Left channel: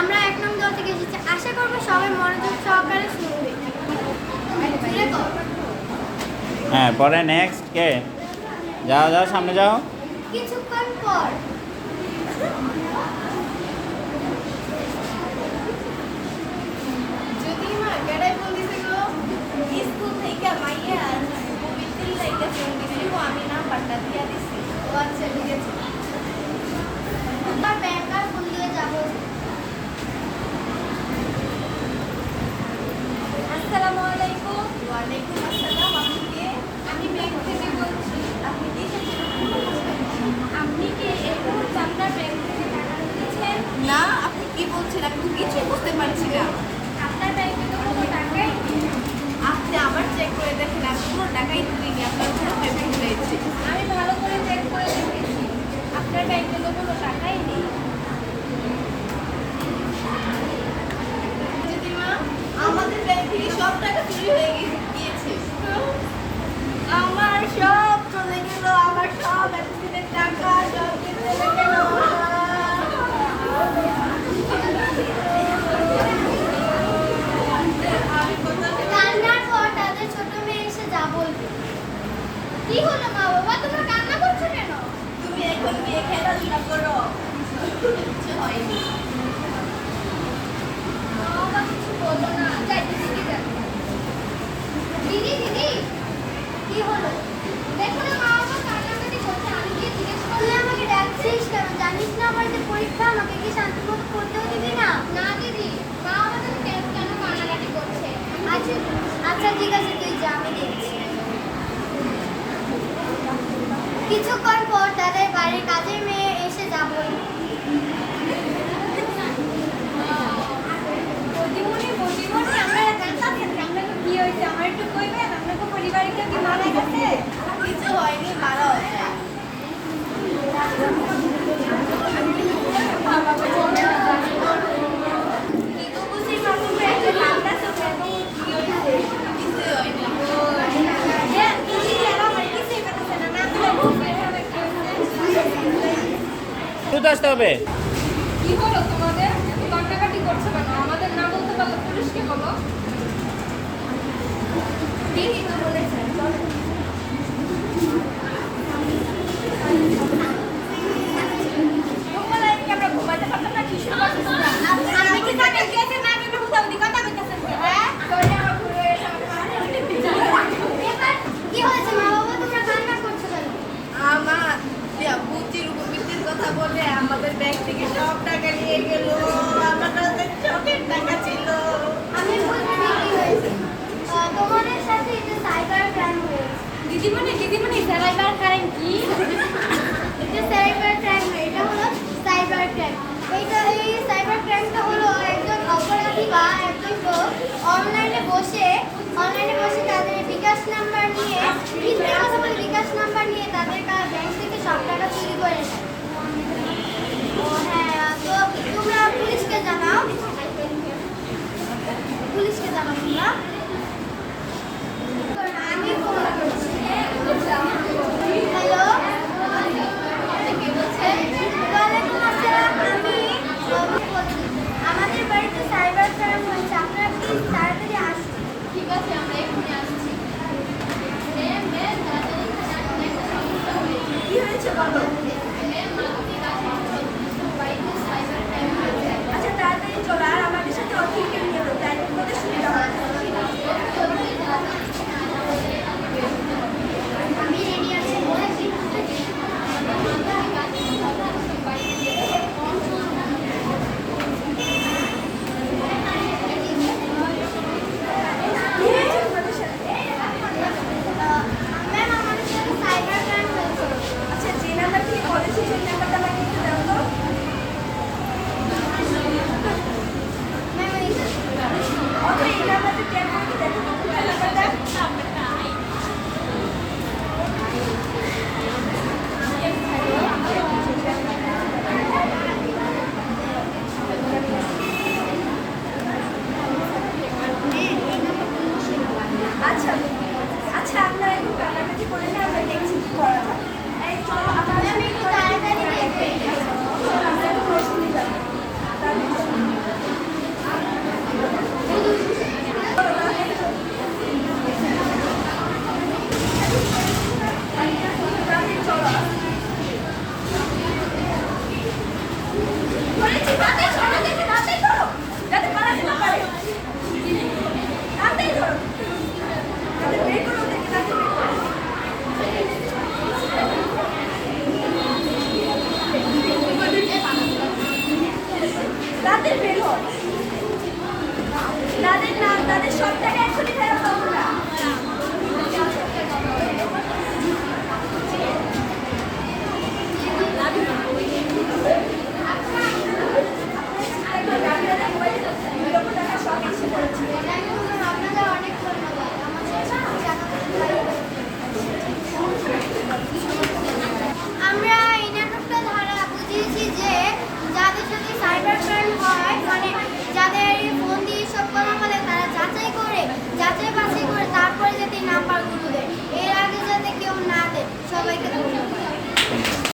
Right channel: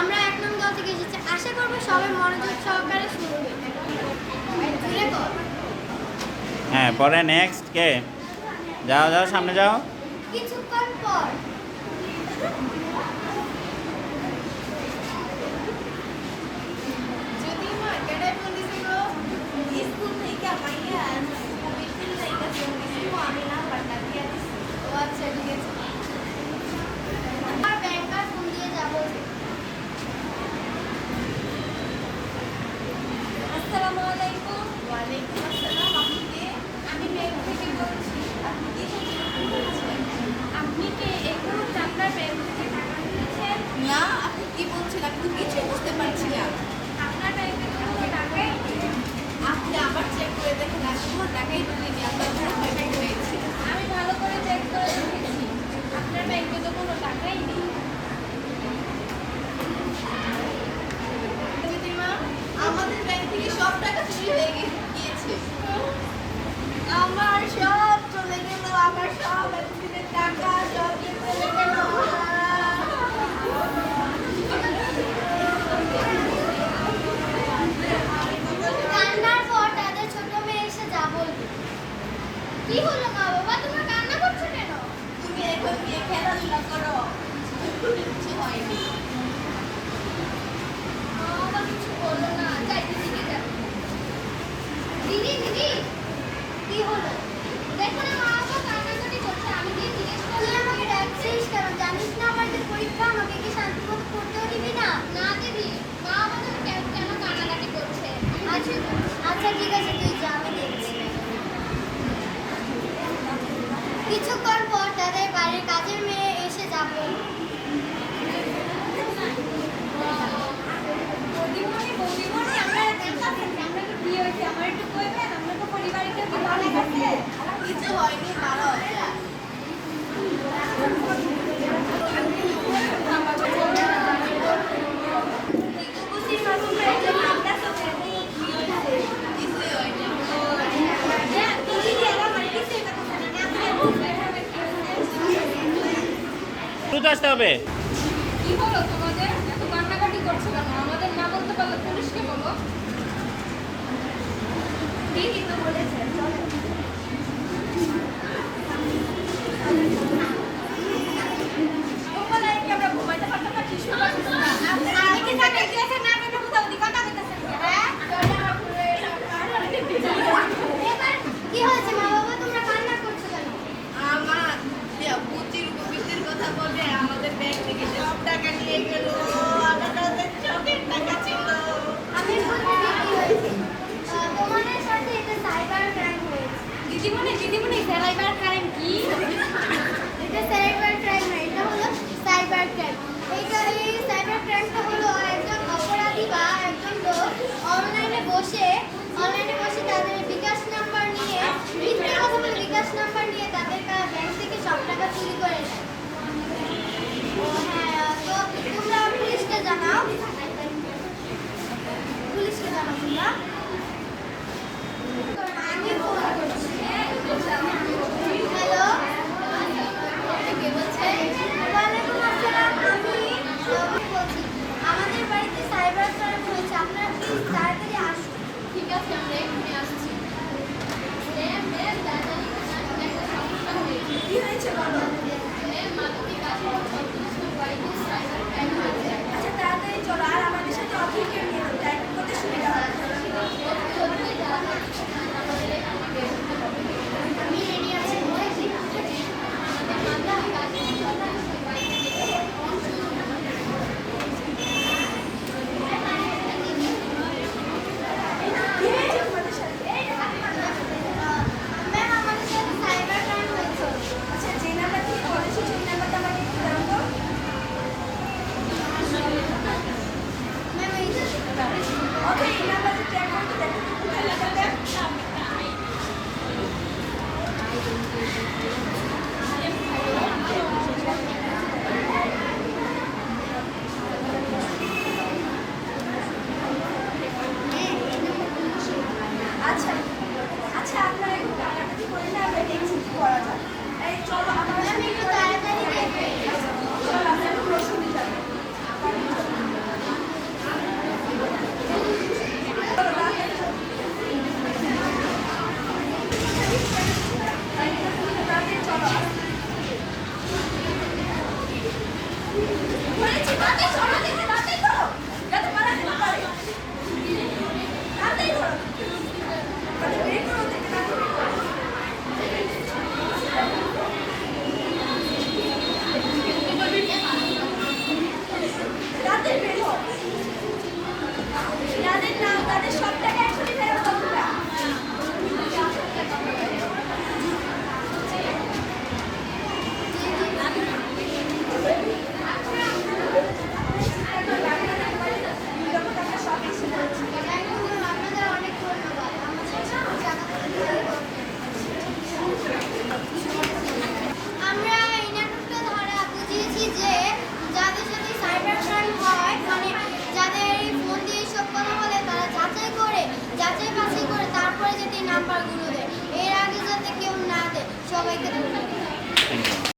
আমরা 1 নং দল থেকে এসেছি, আশা করব সবাই মনোযোগ সহকারে শুনবে। হ্যাঁ, পরে নেক্সট কে? যাও যাও, সামনে যাও। কিছুক্ষণ পর যদি মা কেডাই ফোন দিছে গো স্কুল থেকে মাইয়া মোবাইল থেকে ফোন দিছে আমি নাম্বারটা দিয়া দিছি। ও আচ্ছা ঠিক আছে। আমার ব্যাংকার ফোন দিয়ে যাব। আসসালামু আলাইকুম। ওয়ালাইকুম আসসালাম। আপনি কে? আমি ব্যাংক থেকে বলছি। আপনি কি বলছেন? আপনি কি একটু আপনার ব্যাংক থেকে টাকা নিয়েছেন? না, আপনি কি বলছেন আমি তো কিছু বুঝতে পারছি না। আপনার ব্যাংকে তো কোনো টাকাই নেই। আপনি আবার চেক করে দেখেন, আমি কোনো টাকাই ঢুকেনি, আপনার কোনো পেমেন্ট হয়েছে। আমি ভালো করে চেক করে দেখেছি, আপনার ব্যাংকে তো কোনো টাকাই নেই। দিদিমা, আমাদের ব্যাংক থেকে সব টাকা চুরি হয়ে গিয়েছে। আমার সব চলে গেল, আমার সব এতদিনের টাকা সব চলে গেল। কান্নার পর তাদের ছোট মেয়ে এসে যা বলবে। কি হলো মা বাবা, তোমরা কান্না করছো কেন? তুমি এখন গিয়ে খেলাধুলা করো, কিছু হয়নি। মা বাবা কিছু বলো না, যাই দিদি যাবে। দিদি দিদি কি হলো? দেখো না মা বাবা কান্নাকাটি করছে, আমি গিয়ে জিজ্ঞেস করলাম। তুই আমাকে ডাকছিস কেন? জানিস না আমার যে পরীক্ষা, আমাকে কি শান্তিমতো পড়তেও দিবি না? না দিদি, মা বাবা তুমি কেন কান্নাকাটি করছে? আচ্ছা আচ্ছা ঠিক আছে, তুই যা, আমি দেখছি। কিছুক্ষণ পর তাদের বাড়ির কাজের মেয়ে এসে যা বলল। বৌদিমণি, বৌদিমণি, আমরা কাঁদতেছেন, আমরা কি বিয়ে হয়েছে, আমার একটু কইবেন, আমরা তো পরিবারে কেউ কি মারা গেছে? কিছু হয়নি, ভালো আছে। দ্রুত আসতে হবে। কি হলো তোমাদের? এত কান্নাকাটি করছো কেন? আমাদের না বলতে পারলে পুলিশকে বলো। ঠিকই তো বলেছেন, চলো। ঘুমালে কি আমরা ঘুমাতে পারতাম না? শিশু বাচ্চা না। আমি কি জানি কি আছে না, আমি বুঝাও দি কথা কইতাছেন কি? হ্যাঁ, তোরে আমার ভুল হয়ে গেছে। এবার কি হয়েছে মা বাবা, তোমরা কান্না করছো কেন? আমার বুচির উপবৃত্তির কথা বলে আমাদের ব্যাংক থেকে সব টাকা নিয়ে গেল। আমার কাছে চোখের টাকা ছিল। আমি বলতে কি হয়েছে? তোমাদের সাথে এটা সাইবার ক্রাইম হয়েছে। দিদিমণি, দিদিমণি, সাইবার ক্রাইম কি? এটা সাইবার ক্রাইম না, এটা হলো সাইবার ক্রাইম। এই সাইবার ক্রাইমটা হলো একজন অপরাধী বা একজন লোক অনলাইনে বসে তাদের বিকাশ নাম্বার নিয়ে, মিথ্যে কথা বলে বিকাশ নাম্বার নিয়ে তাদের ব্যাংক থেকে সব টাকা চুরি করে নেয়। ও হ্যাঁ, তো তোমরা পুলিশকে জানাও। পুলিশকে জানাও তোমরা। আমি ফোন করছি। হ্যালো, ওয়ালাইকুম আসসালাম, আমি অভিক বলছি। আমাদের বাড়িতে সাইবার ক্রাইম হয়েছে, আপনারা প্লিজ তাড়াতাড়ি আসুন। ঠিক আছে, আমরা এক্ষুনি আসছি। ম্যাম, ম্যাম, তাড়াতাড়ি একটা সমস্যা হয়েছে। কি হয়েছে বলো? ম্যাম, মানবিক আচরণ ছত্রিশ বাড়িতে সাইবার ক্রাইম হয়েছে। আচ্ছা তাড়াতাড়ি চলো, আর আমাদের সাথে অফিসে নিয়ে যাও, টাইপের করতে সুবিধা হবে। বলেছি তাড়াতাড়ি সরো, দেখে তাড়াতাড়ি ধরো, যাতে পালাতে না পারে। তাড়াতাড়ি ধরো, তাদের বের করো, ওদেরকে তাড়াতাড়ি বের করো। তাদের বের হও, তাদের না, তাদের সব টাকা এখনই ফেরত দাও তোমরা। আপনাদের অনেক ধন্যবাদ আমরা এই নাটকটা ধারা বুঝিয়েছি যে যাদের সাথে সাইবার ক্রাইম হয় মানে যাদের ফোন দিয়ে সব কথা বলে তারা যাচাই বাছাই করে তারপরে যাতে নাম্বারগুলো দেয়, এর আগে যাতে কেউ না দেয়। সবাইকে ধন্যবাদ। Thank you.